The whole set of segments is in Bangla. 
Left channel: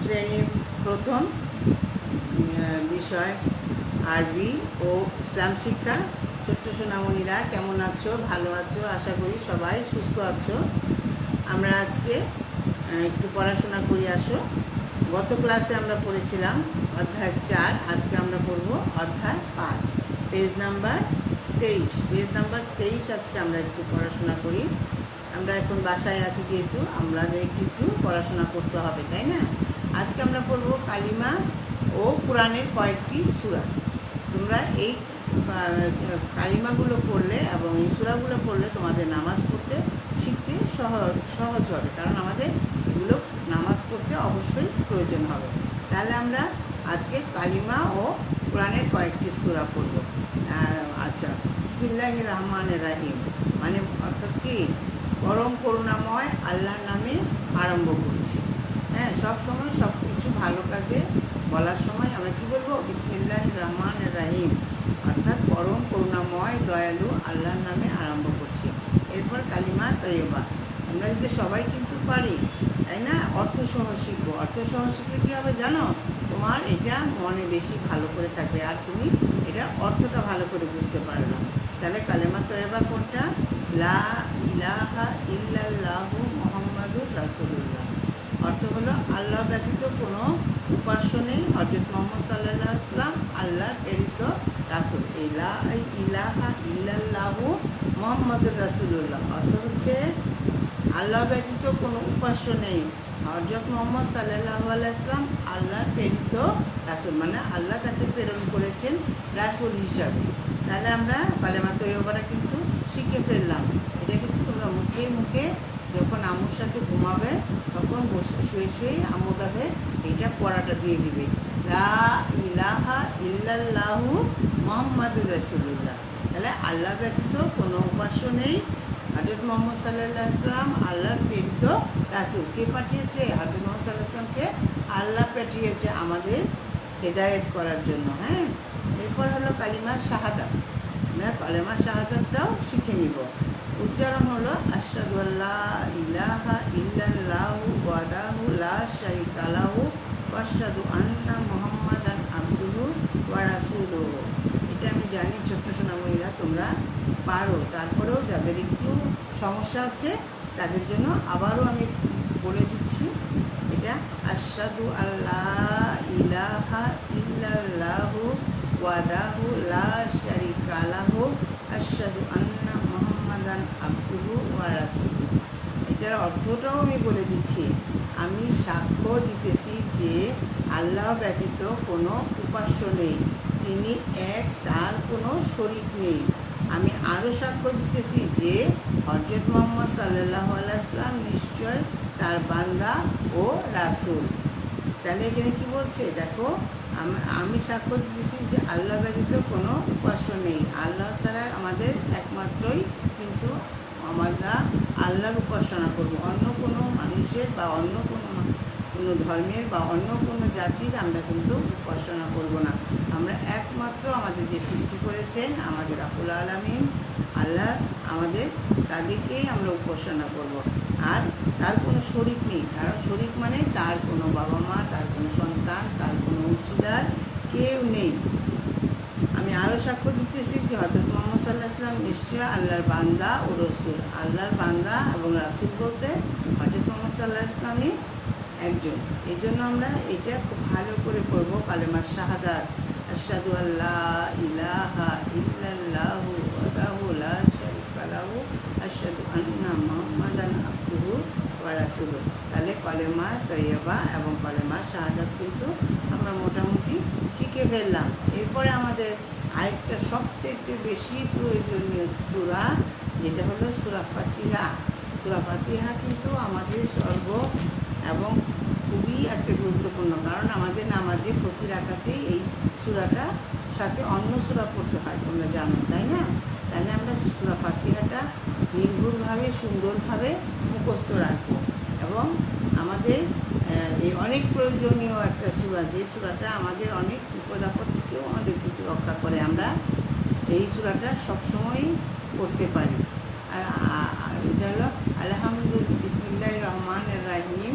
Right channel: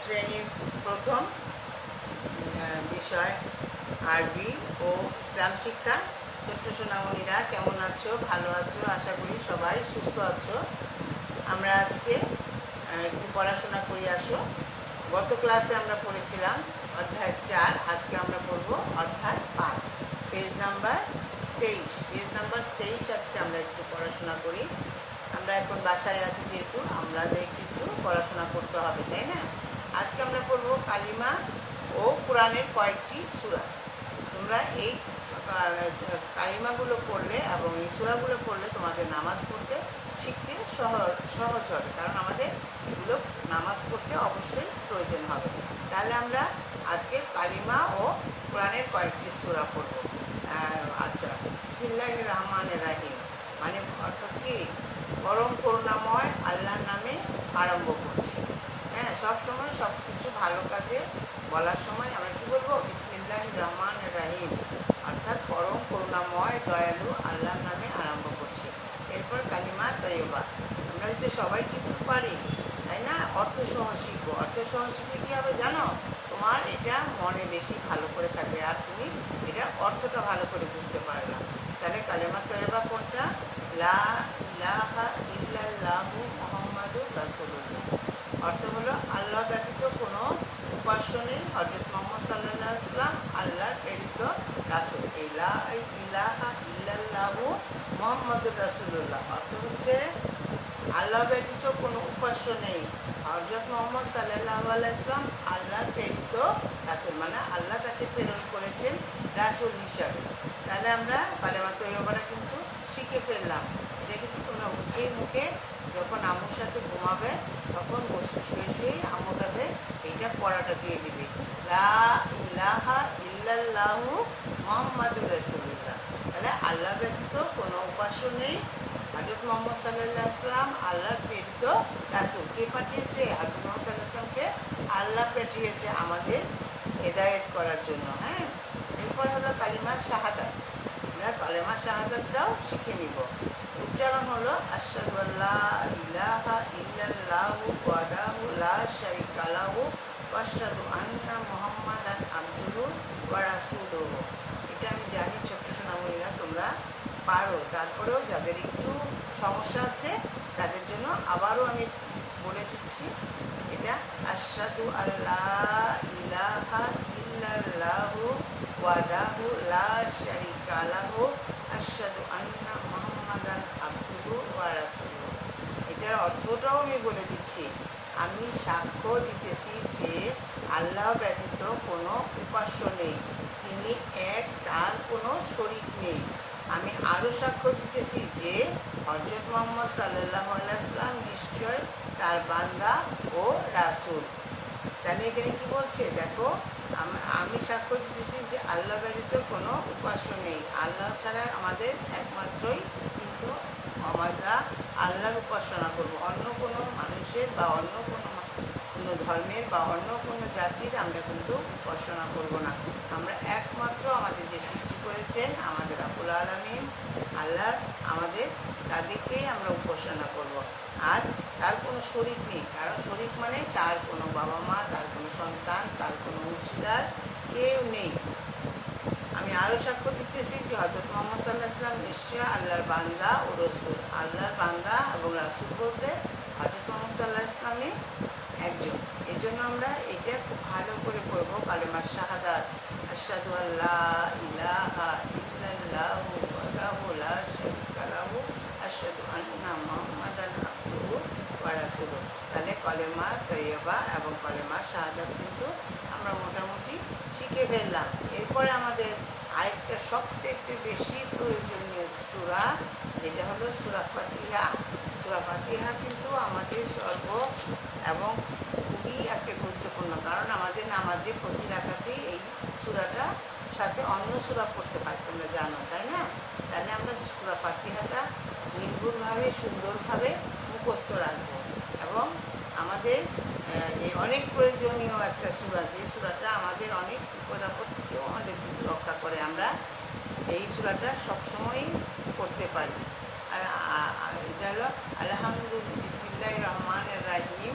শ্রেণীর প্রথম বিষয় আরবি ও ইসলাম শিক্ষা। ছোট্ট সোনামণিরা কেমন আছো? ভালো আছো? আশা করি সবাই সুস্থ আছো। আমরা আজকে একটু পড়াশোনা করি আসো। গত ক্লাসে আমরা পড়েছিলাম অধ্যায় 4, আজকে আমরা পড়ব অধ্যায় 5, পেজ নাম্বার 23। আজকে আমরা একটু পড়াশোনা করি। আমরা এখন বাসায় আছি যেহেতু আমরা একটু পড়াশোনা করতে হবে, তাই না? আজকে আমরা পড়ব কালিমা ও কোরআনের কয়েকটি সূরা। তোমরা এই কালিমাগুলো পড়লে এবং এই সূরাগুলো পড়লে তোমাদের নামাজ পড়তে শিখতে সহজ হবে, কারণ আমাদের এগুলো নামাজ পড়তে অবশ্যই প্রয়োজন হবে। তাহলে আমরা আজকে কালিমা ও কোরআনের কয়েকটি সূরা পড়ব। আচ্ছা, বিসমিল্লাহির রহমানির রহিম মানে অর্থাৎ কি? পরম করুণাময় আল্লাহর নামে আরম্ভ করছি। হ্যাঁ, সবসময় সব কিছু ভালো কাজে বলার সময় আমরা কি বলবো? বিসমিল্লাহির রহমানির রহিম, অর্থাৎ পরম করুণাময় দয়ালু আল্লাহর নামে আরম্ভ করছি। এরপর কালিমা তৈয়বা। আমরা যদি সবাই কিন্তু পারি, তাই না? অর্থসহ শিখবো। অর্থসহ শিখলে কী হবে জানো? তোমার এটা মনে বেশি ভালো করে থাকবে, আর তুমি এটা অর্থটা ভালো করে বুঝতে পারবে। তাহলে কালেমা তৈয়বা কোনটা? লা ইলাহা ইল্লাল্লাহু মুহাম্মাদুর রাসূলুল্লাহ। অর্থ হলো আল্লাহ ব্যতীত কোনো উপাস্য নেই, হযরত মুহাম্মদ সাল্লাল্লাহু আলাইহি ওয়াসাল্লাম আল্লাহর প্রেরিত রাসূল। এই লা ইলাহা ইল্লাল্লাহু মুহাম্মাদুর রাসূলুল্লাহ অর্থ হচ্ছে আল্লাহ ব্যতীত কোনো উপাস্য নেই, হযরত মুহাম্মদ সাল্লাল্লাহু আলাইহি ওয়াসাল্লাম আল্লাহর প্রেরিত রাসূল, মানে আল্লাহ তাকে প্রেরণ করেছেন রাসূল হিসাবে। তাহলে আমরা কালেমা তৈয়বাটা কিন্তু শিখে ফেললাম। এটা কিন্তু তোমরা মুখে মুখে যখন আম্মুর সাথে ঘুমাবে তখন বসে শুয়ে আম্মুর কাছে এইটা পড়াটা দিয়ে দিবে, লা ইলাহা ইল্লাল্লাহু মুহাম্মাদুর রাসূলুল্লাহ। তাহলে আল্লাহ ব্যতীত কোনো উপাস্য নেই, হযরত মুহাম্মদ সাল্লাল্লাহু আলাইহি ওয়াসাল্লাম আল্লাহর প্রেরিত রাসূল। কে পাঠিয়েছে? হযরত মুহাম্মদ সাল্লাল্লাহু আলাইহি ওয়াসাল্লামকে আল্লাহ পাঠিয়েছে আমাদের হেদায়েত করার জন্য। হ্যাঁ, এরপর হলো কালিমা শাহাদাত। আমরা কালিমা শাহাদাতটাও শিখে নিব। উচ্চারণ হলো আশহাদু আল্লা ইলাহা ইল্লাল্লাহু ওয়াহদাহু লা শারীকা লাহু ওয়া আশহাদু আন্না মুহাম্মাদান আবদুহু ওয়া রাসূলুহু। এটা আমি জানি ছোট্ট সোনামণিরা তোমরা পারো, তারপরেও যাদের একটু সমস্যা আছে তাদের জন্য আবারও আমি বলে দিচ্ছি। এটা আশহাদু আল্লা ইলাহা ইল্লাল্লাহু ওয়াহদাহু লা শারীকা লাহু আশহাদু আন্না মুহাম্মাদান আবদুহু ওয়া রাসূলুহু। এটার অর্থটাও আমি বলে দিচ্ছি। আমি সাক্ষ্য দিতেছি যে আল্লাহ ব্যতীত কোনো উপাস্য নেই, তিনি এক, তার কোনো শরীক নেই। আমি আরও সাক্ষ্য দিতেছি যে হযরত মুহাম্মদ সাল্লাল্লাহু আলাইহি ওয়াসাল্লাম নিশ্চয় তার বান্দা ও রাসূল। তাহলে এখানে কি বলছে দেখো, আমি সাক্ষ্য দিতেছি যে আল্লাহ ব্যতীত কোনো উপাস্য নেই, আল্লাহ ছাড়া আমাদের একমাত্রই কিন্তু আমরা আল্লাহর উপাসনা করব। অন্য কোনো মানুষের বা অন্য কোনো ধর্মের বা অন্য কোনো জাতির আমরা কিন্তু উপাসনা করব না। আমরা একমাত্র আমাদের যে সৃষ্টি করেছেন আমাদের রাব্বুল আলামিন আল্লাহ, আমাদের তাদেরকেই আমরা উপাসনা করব। আর তার কোনো শরীক নেই, কারণ শরীক মানে তার কোনো বাবা মা, তার কোনো সন্তান, তার কোনো অংশীদার কেউ নেই। আমি আরও সাক্ষ্য দিতেছি যে হযরত মুহাম্মদ সাল্লাল্লাহু আলাইহি ওয়াসাল্লাম নিশ্চয় আল্লাহর বান্দা ও রাসূল। আল্লাহর বান্দা এবং রাসূল বলতে হযরত মুহাম্মদ সাল্লাল্লাহু আলাইহি ওয়াসাল্লামই একজন। এই জন্য আমরা এটা খুব ভালো করে পড়বো, কালেমা শাহাদাত। আশহাদু আল্লা ইলাহা ইল্লাল্লাহু ওয়াহদাহু লা শারীকা লাহু আশহাদু আন্না মুহাম্মাদান আবদুহু ওয়া রাসূলুহু। তাহলে কালেমা তৈয়বা এবং কালেমা শাহাদাত কিন্তু আমরা মোটামুটি শিখে ফেললাম। এরপরে আমাদের আরেকটা সবচেয়ে বেশি প্রয়োজনীয় সূরা, যেটা হলো সূরা ফাতিহা। সূরা ফাতিহা কিন্তু আমাদের এবং খুবই একটা গুরুত্বপূর্ণ, কারণ আমাদের নামাজে প্রতি রাকাতেই এই সূরাটা সাথে অন্য সূরা পড়তে হয়, তোমরা জানো, তাই না? তাহলে আমরা সূরা ফাতিহাটা নির্ভুলভাবে সুন্দরভাবে মুখস্থ রাখবো। এবং আমাদের এই অনেক প্রয়োজনীয় একটা সূরা, যে সূরাটা আমাদের অনেক বিপদ আপদ থেকেও আমাদের কিন্তু রক্ষা করে। আমরা এই সূরাটা সবসময়ই পড়তে পারি। এটা হলো আলহামদুলিল্লাহ, বিসমিল্লাহির রহমানির রহিম,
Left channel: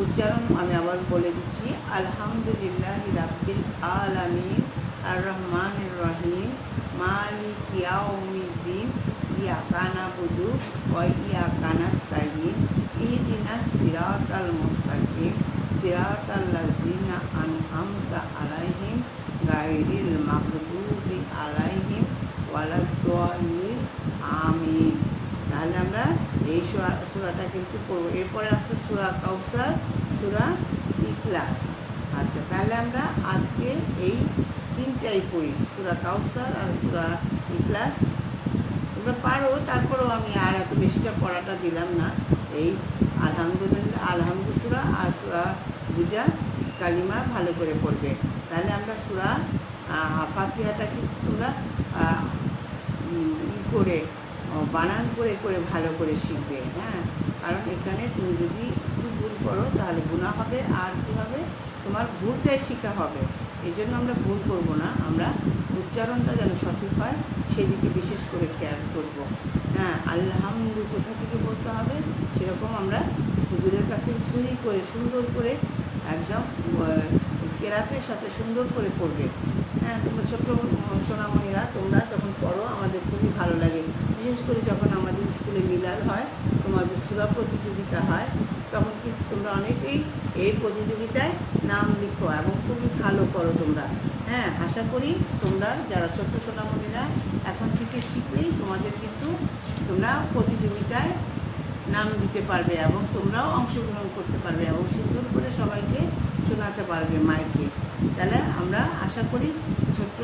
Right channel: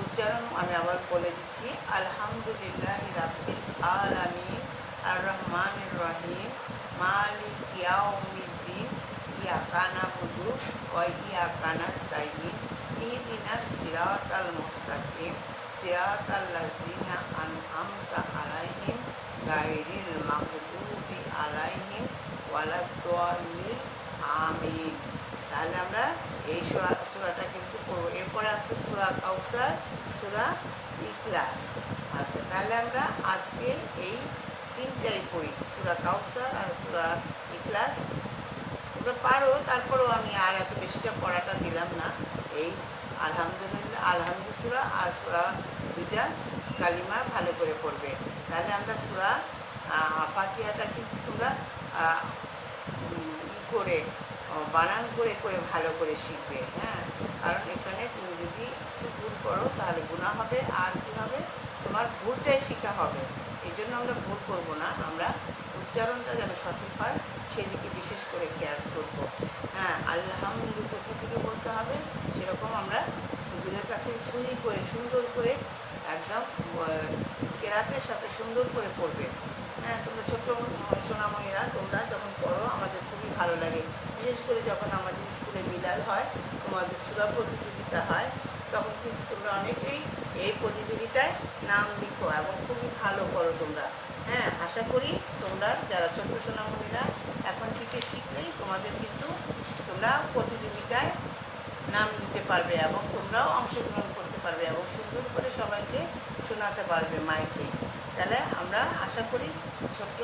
উচ্চারণ আমি আবার বলে দিচ্ছি। আলহামদুলিল্লাহ রাব্বিল আলামিন আর রহমানির রহিম মালিক ইয়াউমিদ্দিন ইয়াকা নাবুদু ওয়া ইয়াকা নাস্তাইন ইহদিনাস সিরাতাল মুস্তাকিম সিরাতাল লাযিনা আনআমতা আলাইহিম গায়রিল মাগদুবি আলাইহিম ওয়ালাদ-দাল্লিন আমিন। তাহলে আমরা এই সূরাটা কিন্তু পড়ব। এরপরে আছে সূরা কাউসার, সূরা ইখলাস। আচ্ছা, তাহলে আমরা আজকে এই তিনটাই পড়ি, সূরা কাউসার আর সূরা ইখলাস। তোমরা পারো, তারপরেও আমি আর এত বেশিটা পড়াটা দিলাম না। এই আলহামদুলিল্লাহ, আলহামদু সূরা আর সূরা দুইটা কালিমা ভালো করে পড়বে। তাহলে আমরা সূরা ফাতিহাটা কিন্তু তোমরা করে বানান করে করে ভালো করে শিখবে। হ্যাঁ, কারণ এখানে তুমি যদি একটু ভুল করো তাহলে গুনাহ হবে, আর কী হবে, তোমার ভুলটাই শেখা হবে। এই জন্য আমরা ভুল করব না, আমরা উচ্চারণটা যেন সঠিক হয় সেদিকে বিশেষ করে খেয়াল করব। হ্যাঁ, আলহামদু কোথা থেকে বলতে হবে সেরকম আমরা হুজুরের কাছ থেকে সহি করে সুন্দর করে একদম কেরাতের সাথে সুন্দর করে পড়বে। হ্যাঁ, তোমরা ছোট্ট সোনামণিরা তোমরা যখন পড়ো আমাদের খুবই ভালো লাগে, বিশেষ করে যখন আমাদের স্কুলে মিলাদ হয়, তোমাদের সূরা প্রতিযোগিতা হয়, তখন কিন্তু তোমরা অনেকেই এই প্রতিযোগিতায় নাম লিখো এবং খুবই ভালো করো তোমরা। হ্যাঁ, আশা করি তোমরা যারা ছোট্ট সোনামণিরা এখন থেকে শিখলেই তোমাদের কিন্তু তোমরা প্রতিযোগিতায় নাম দিতে পারবে এবং তোমরাও অংশগ্রহণ করতে পারবে এবং সুন্দর করে সবাইকে শোনাতে পারবে মাইকে। তাহলে আমরা আশা করি ছোট্ট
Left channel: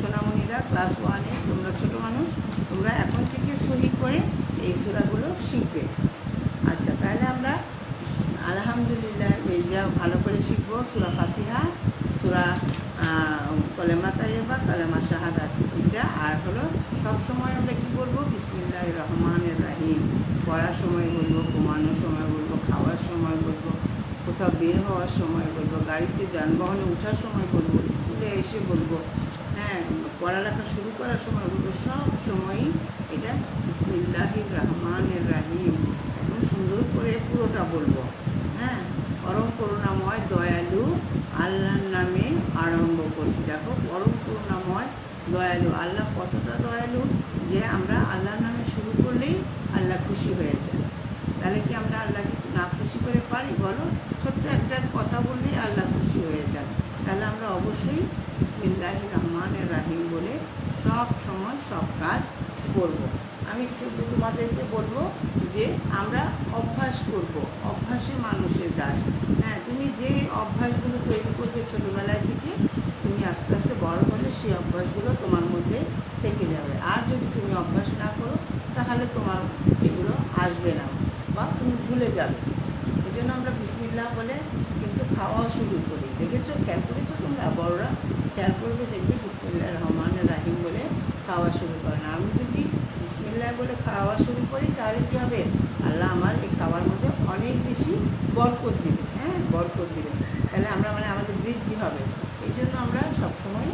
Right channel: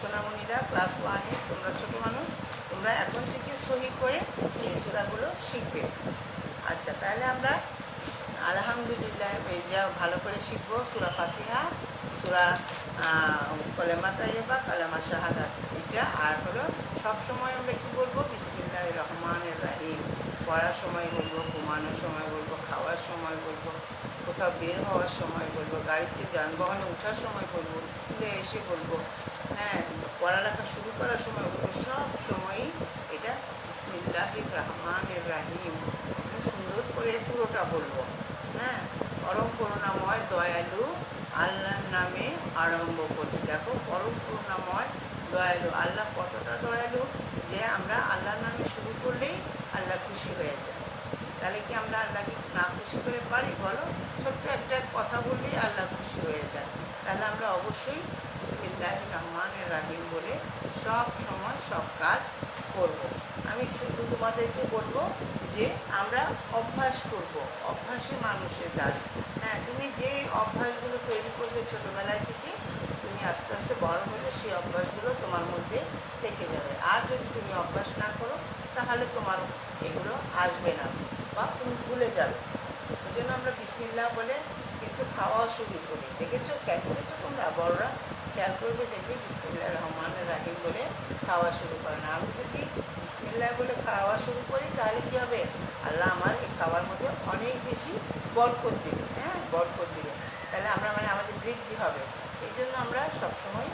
সোনামণিরা ক্লাস 1-এ তোমরা ছোট মানুষ, তোমরা এখন থেকে সহি করে এই সূরাগুলো শিখবে। আচ্ছা, তাহলে আমরা আলহামদুলিল্লাহ ভালো করে শিখবো। সূরা ফাতিহা, সূরা কলেমা তাইয়্যিবা, কালেমা শাহাদাত, এটা। আর হলো সবসময় আমরা কী বলবো, বিসমিল্লাহির রহমানির রহিম। পড়ার সময় বলবো, ঘুমানোর সময় বলবো, খাওয়ার সময় বলবো, কোথাও বের হওয়ার সময় বলবো, গাড়িতে যানবাহনে ওঠার সময় বলবো, স্কুলে এসে বলবো, হ্যাঁ, পড়ালেখা শুরু করার সময় বলবো, সব সময়ই এটা বিসমিল্লাহির রহমানির রহিম একদম সুন্দর করে পুরোটা বলবো। হ্যাঁ, পরম করুণাময় দয়ালু আল্লাহর নামে আরম্ভ করছি। দেখো, পরম করুণাময় দয়ালু, আল্লাহ কতটা দয়ালু যে আমরা আল্লাহর নামে শুরু করলেই আল্লাহ খুশি হয়ে যায়। তাহলে কি আমরা আল্লাহকে না খুশি করে পারি বলো? ছোট্ট একটা কথা বললেই আল্লাহ খুশি হয়ে যায়। তাহলে আমরা অবশ্যই বিসমিল্লাহির রহমানির রহিম বলে সব সময় সব কাজ করব। আমি শুধু তোমাদেরকে বলবো যে আমরা অভ্যাস করব, অভ্যাসে মানুষের কাজ। হ্যাঁ, তুমি যে অভ্যাসগুলো তৈরি করবে ছোটোবেলায় থেকে, তুমি আস্তে আস্তে বড় হলে সেই অভ্যাসগুলো তোমার মধ্যে থেকে যাবে। আর যদি তুমি অভ্যাস না করো তাহলে তোমার এগুলো আসবে না বা তুমি ভুলে যাবে। এই জন্য আমরা বিসমিল্লাহ বলে কিন্তু খাওয়া শুরু করি। দেখেছো, খেয়াল করেছো তোমরা? বড়রা খেয়াল করবে, দেখবে বিসমিল্লাহির রহমানির রহিম বলে খাওয়া শুরু করে না। আমি যদি বিসমিল্লাহ বলে খাওয়া শুরু করি তাহলে কী হবে, আল্লাহ আমার এই খাওয়ার মধ্যে অনেক বেশি বরকত দিবে। হ্যাঁ, বরকত দিবে। তাহলে আমরা আমাদের বৃদ্ধি হবে। এই জন্য আমরা সবসময়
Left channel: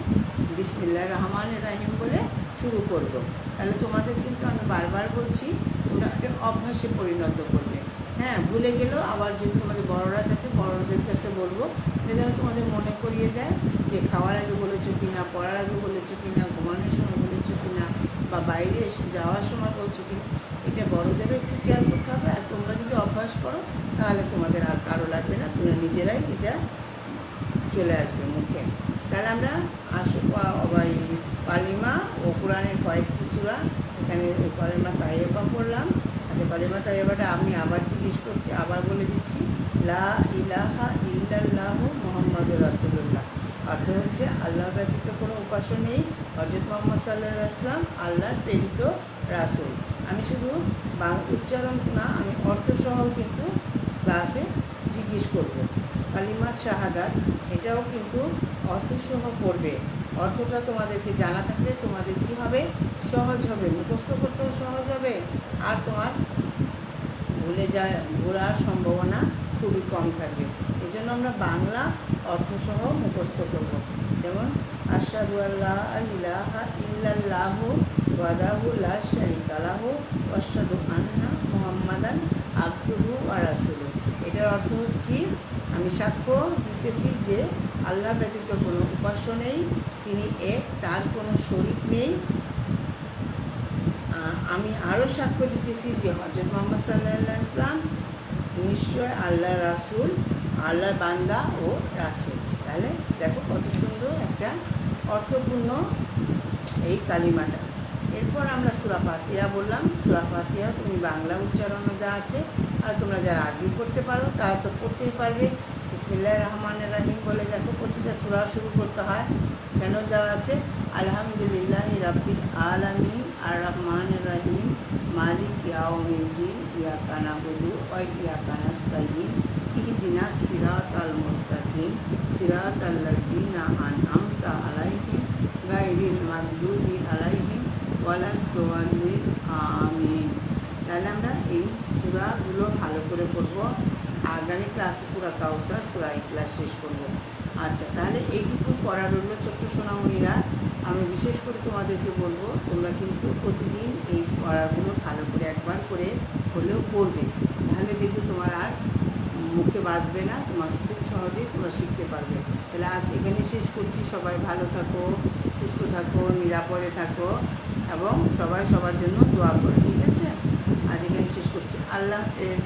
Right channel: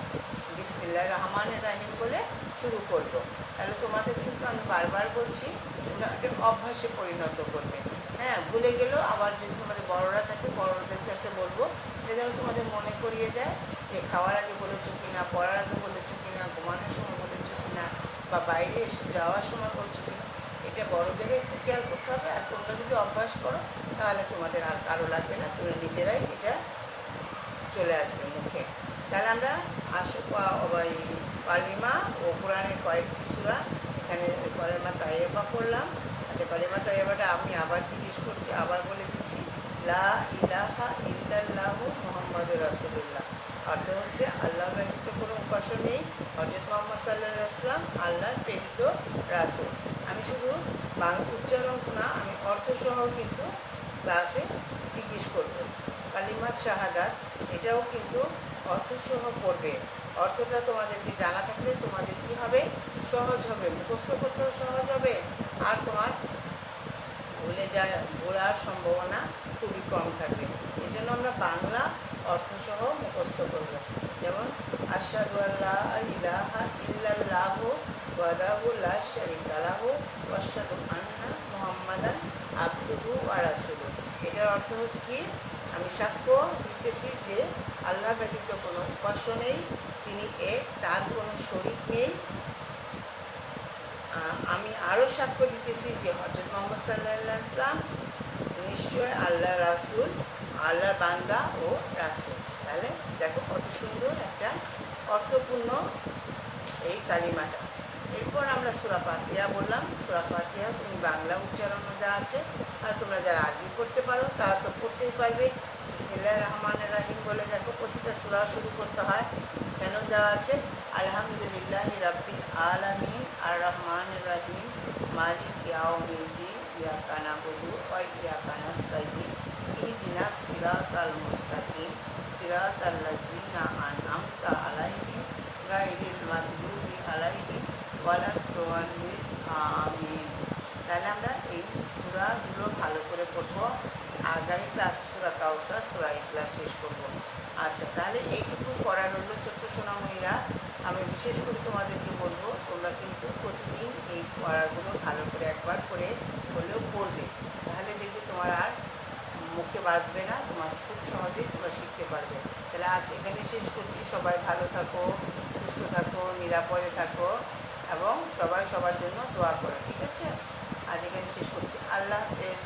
বিসমিল্লাহির রহমানির রহিম বলে শুরু করব। তাহলে তোমাদের কিন্তু আমি বারবার বলছি, তোমরা একটা অভ্যাসে পরিণত করবে। হ্যাঁ, ভুলে গেলেও আবার যদি তোমাদের বড়রা থাকে বড়দের কাছে বলবো, এটা যেন তোমাদের মনে করিয়ে দেয় যে খাওয়ার আগে বলেছো কিনা, পড়ার আগে বলেছো কিনা, ঘুমানোর সময় বলেছো কিনা, বা বাইরে এসে যাওয়ার সময় বলছো কিনা। এটা বড়দেরও একটু খেয়াল করতে হবে। আর তোমরা যদি অভ্যাস করো তাহলে তোমাদের আর কারো লাগবে না, তোমরা নিজেরাই এটা চলে আসবে মুখে। তাহলে আমরা কালিমা ও কোরআনের কয়েকটি সূরা, এখানে কলেমা তাইয়্যিবা পড়লাম। আচ্ছা, কলেমা তাইয়্যিবাটা আমি আবার জিজ্ঞেস করছি, আবার বলে দিচ্ছি। লা ইলাহা ইল্লাল্লাহু মুহাম্মাদুর রাসূলুল্লাহ, অর্থ হচ্ছে আল্লাহ ব্যতীত কোনো উপাস্য নেই, হযরত মুহাম্মদ সাল্লাল্লাহু আলাইহি ওয়াসাল্লাম আল্লাহর প্রেরিত রাসূল। আমি শুধু উচ্চারণ না, আমি অর্থসহ কিন্তু ক্লাসে জিজ্ঞেস করব। কালিমা শাহাদাত, এটাও কিন্তু অর্থসহ পড়বে। অর্থটা তোমাদেরকে জানা থাকলে তোমাদের কী হবে, সহজ হবে, মুখস্থ করতেও সহজ হবে, আর তোমার ভোলার সম্ভাবনা খুবই কম থাকবে। এই জন্য আমরা বাংলা অর্থসহ মুখস্থ করব। যেমন আশহাদু আল্লা ইলাহা ইল্লাল্লাহু ওয়াহদাহু লা শারীকা লাহু ওয়া আশহাদু আন্না মুহাম্মাদান আবদুহু ওয়া রাসূলুহু। এটার অর্থ হচ্ছে কি, আমি সাক্ষ্য দিতেছি যে আল্লাহ ব্যতীত কোনো উপাস্য নেই, তিনি এক, তার কোনো শরীক নেই। আমি আরও সাক্ষ্য দিতেছি যে হযরত মুহাম্মদ সাল্লাল্লাহু আলাইহি ওয়াসাল্লাম নিশ্চয় আল্লাহর রাসূল, আল্লাহর বান্দা ও রাসূল। তাহলে দেখো কত সুন্দর একটা অর্থপূর্ণ এই কালিমাটা। এরপর আমরা সূরা ফাতিহা বললাম। সূরা ফাতিহা তুমি বাংলা উচ্চারণও দেওয়া আছে, আর তোমরা যারা আরবি পড়তে পারো তারা তো পড়তেই পারবে। বিসমিল্লাহির রহমানির রহিম বলে দেখো প্রতিটা সূরা শুরু করতে হয়। কেন দেওয়া আছে? আলহামদুলিল্লাহি রাব্বিল আলামিন আর রহমানির রহিম মালিক ইয়াউমিদ্দিন ইয়াকা নাবুদু ওয়া ইয়াকা নাস্তাইন ইহদিনাস সিরাতাল মুস্তাকিম সিরাতাল লাযিনা আনআমতা আলাইহিম গায়রিল মাগদুবি আলাইহিম ওয়ালাদ-দাল্লিন আমিন। তাহলে আমরা এই সূরাগুলো ভালো করে পড়বো। আগামী ক্লাসে সূরা কাউসার, সূরা ইখলাস শেষ করব। আচ্ছা, তাহলে এইটুকু পড়া রইল ছোট্ট সোনামণিরা। আমি বিশেষ করে তোমাদেরকে বলবো, তোমরা কিন্তু প্রতিদিন এই পড়াগুলো ভালো করে একবার করে হলেও পড়বে। তাহলে দেখবে তোমার আর মুখে বাঁধবে না, তোমার খুব সহজেই তোমরা শিখতে পারবে। তাহলে আজ এখানে শেষ করছি। সবাই ভালো থাকো, সুস্থ থাকো, নিরাপদে থাকো এবং সবাই সবার জন্য দোয়া করো। ঠিক আছে? আজ এখানে শেষ করছি। আল্লাহ হাফেজ।